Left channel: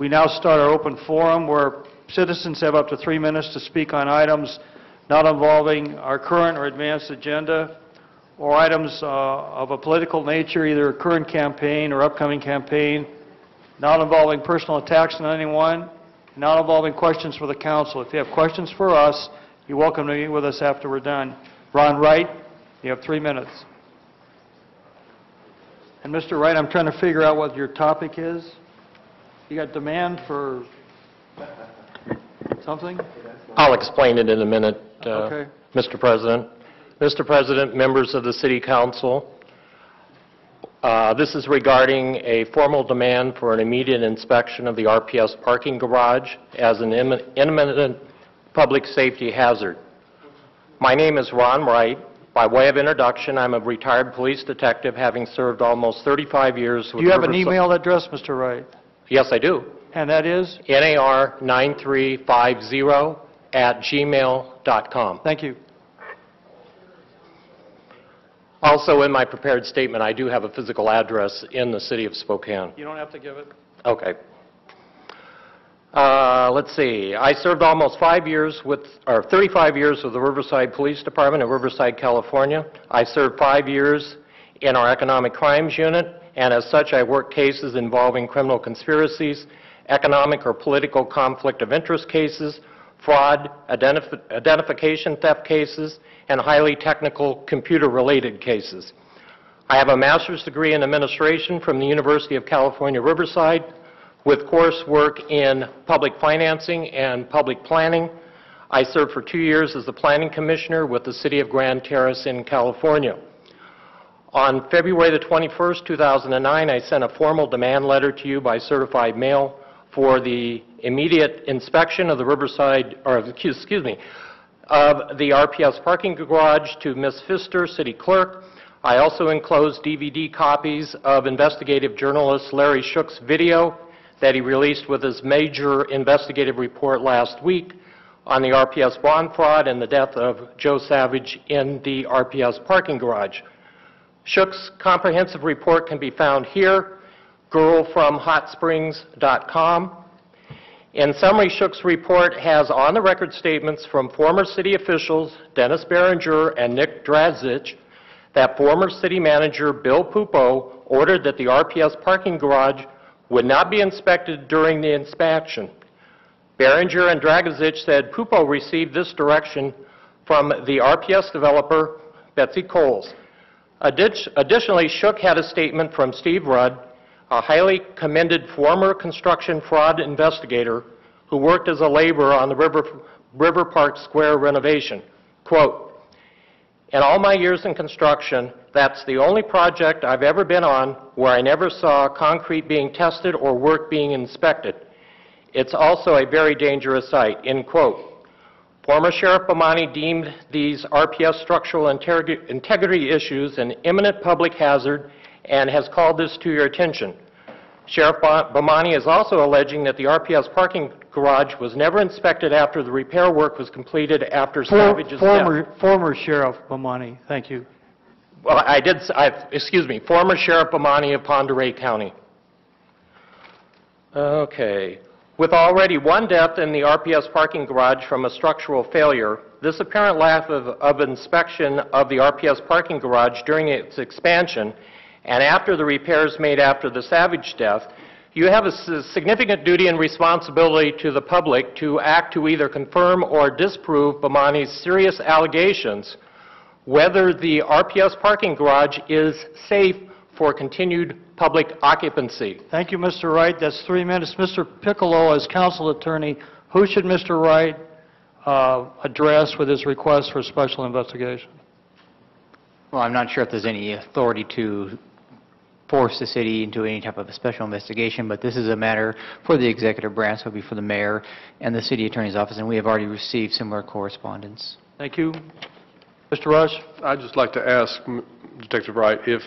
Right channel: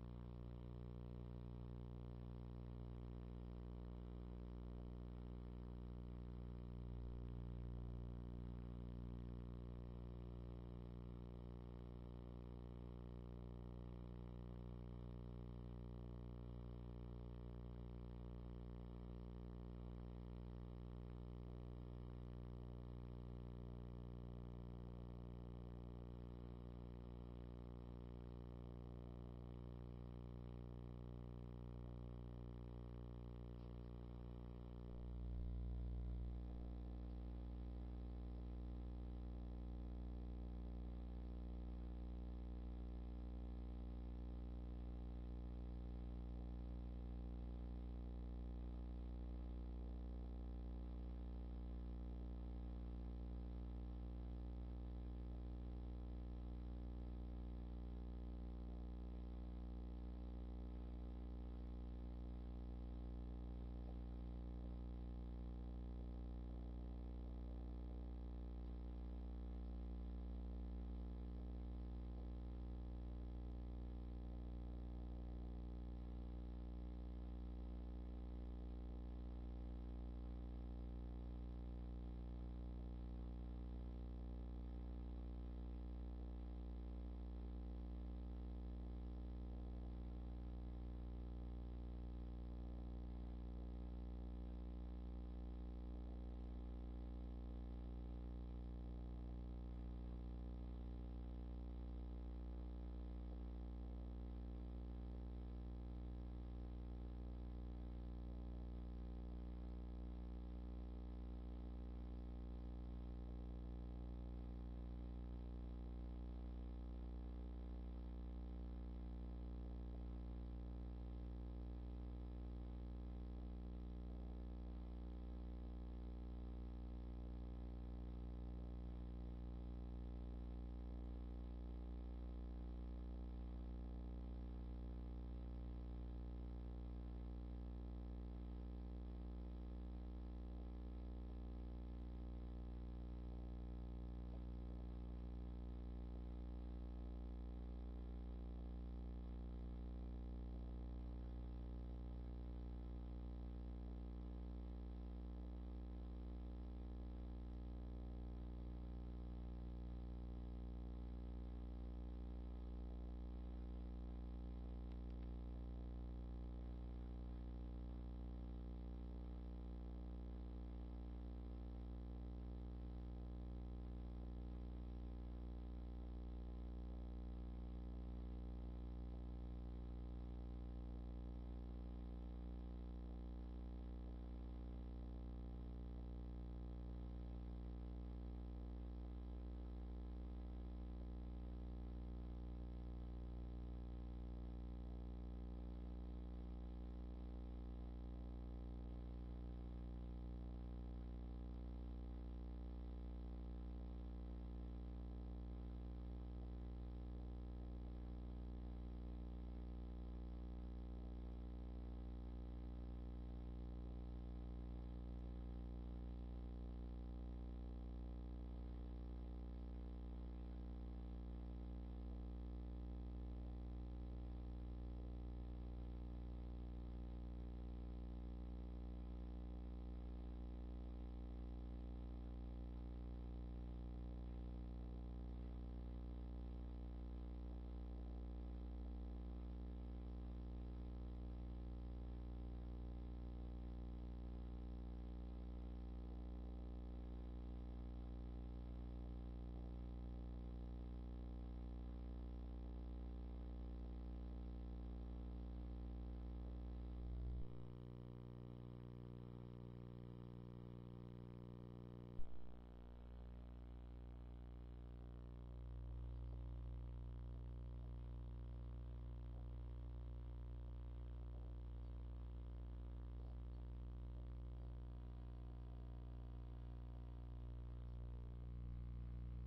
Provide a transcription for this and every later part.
We now start our open forum where citizens have up to 3 minutes to speak on items not involving our current or advanced agenda, or items of a political nature, either a current campaign or upcoming campaign, not involving personal attacks on anyone, not involving questions for the council. If you have questions for us, you're welcome to meet with us after we're done. Ron Wright, you have 3 minutes. And Mr. Wright, I'm trying to figure out what your topic is. You got demand for something? I'll explain it in a minute, Okay. Mr. President. Mr. President, members of the City Council, this is regarding a formal demand for an immediate inspection of the RPS parking garage as an imminent public safety hazard. My name is Ron Wright. By way of introduction, I'm a retired police detective having served almost 35 years with Do you have an email address, Mr. Wright? Yes, I do. And that is? nar9350@gmail.com. Thank you. Also, in my prepared statement, I do have a physical address in the city of Spokane. You don't have to give it. Okay. Let's see. I served almost 35 years with the Riverside Police Department in Riverside, California. I served 5 years in our Economic Crimes Unit, and as such, I worked cases involving criminal conspiracies, economic or political conflict of interest cases, fraud, identification theft cases, and highly technical computer-related cases. I have a master's degree in administration from the University of California, Riverside, with coursework in public financing and public planning. I served for 2 years as the planning commissioner with the city of Grand Terrace in California. On February the 21st, 2009, I sent a formal demand letter to you by certified mail for the immediate inspection of the Riverside, or excuse me, of the RPS parking garage to Ms. Pfister, city clerk. I also enclosed DVD copies of investigative journalist Larry Shook's video that he released with his major investigative report last week on the RPS bond fraud and the death of Joe Savage in the RPS parking garage. Shook's comprehensive report can be found here, girlfromhotsprings.com. In summary, Shook's report has on-the-record statements from former city officials Dennis Berenger and Nick Drazic that former city manager Bill Pupo ordered that the RPS parking garage would not be inspected during the inspection. Berenger and Dragic said Pupo received this direction from the RPS developer, Betsy Coles. Additionally, Shook had a statement from Steve Rudd, a highly commended former construction fraud investigator who worked as a laborer on the River Park Square renovation. Quote, "In all my years in construction, that's the only project I've ever been on where I never saw concrete being tested or work being inspected. It's also a very dangerous site," end quote. Former Sheriff Bomani deemed these RPS structural integrity issues an imminent public hazard and has called this to your attention. Sheriff Bomani is also alleging that the RPS parking garage was never inspected after the repair work was completed after Savage's death. Former Sheriff Bomani, thank you. Well, former Sheriff Bomani of Pend Oreille County. Okay. With already one death in the RPS parking garage from a structural failure, this apparent lack of inspection of the RPS parking garage during its expansion and after the repairs made after the Savage death, you have a significant duty and responsibility to the public to act to either confirm or disprove Bomani's serious allegations whether the RPS parking garage is safe for continued public occupancy. Thank you, Mr. Wright. That's 3 minutes. Mr. Piccolo, as council attorney, who should Mr. Wright address with his request for special investigation? Well, I'm not sure if there's any authority to force the city into any type of a special investigation, but this is a matter for the executive branch, so it'll be for the mayor and the city attorney's office, and we have already received similar correspondence. Thank you. Mr. Rush? I'd just like to ask Detective Wright if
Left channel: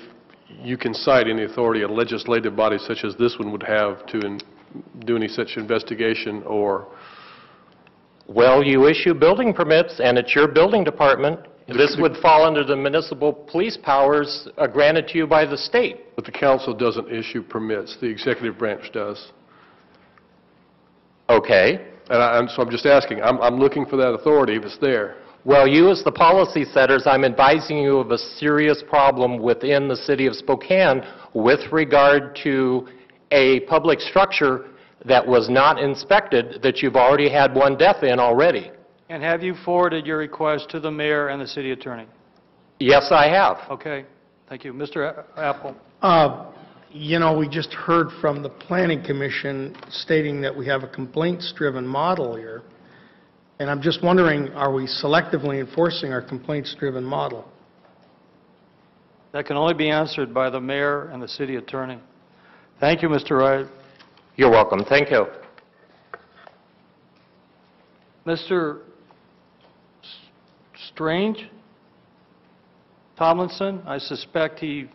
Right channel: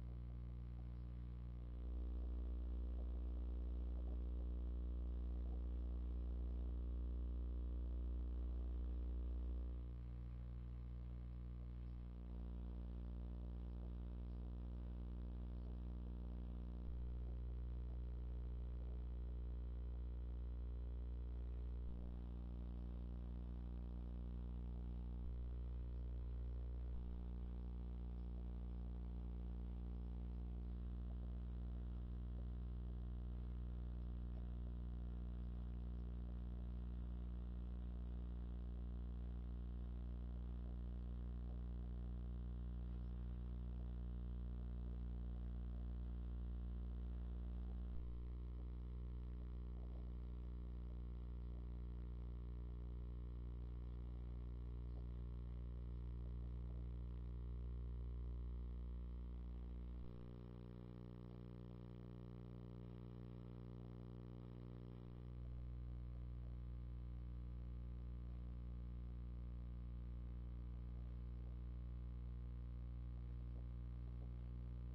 you can cite any authority a legislative body such as this one would have to do any such investigation, or... Well, you issue building permits, and it's your building department. This would fall under the municipal police powers granted to you by the state. But the council doesn't issue permits. The executive branch does. Okay? So I'm just asking, I'm looking for that authority if it's there. Well, you as the policy setters, I'm advising you of a serious problem within the city of Spokane with regard to a public structure that was not inspected, that you've already had one death in already. And have you forwarded your request to the mayor and the city attorney? Yes, I have. Okay, thank you. Mr. Apple? You know, we just heard from the Planning Commission stating that we have a complaints-driven model here, and I'm just wondering, are we selectively enforcing our complaints-driven model? That can only be answered by the mayor and the city attorney. Thank you, Mr. Wright. You're welcome. Thank you. Mr. Strange? Tomlinson? I suspect he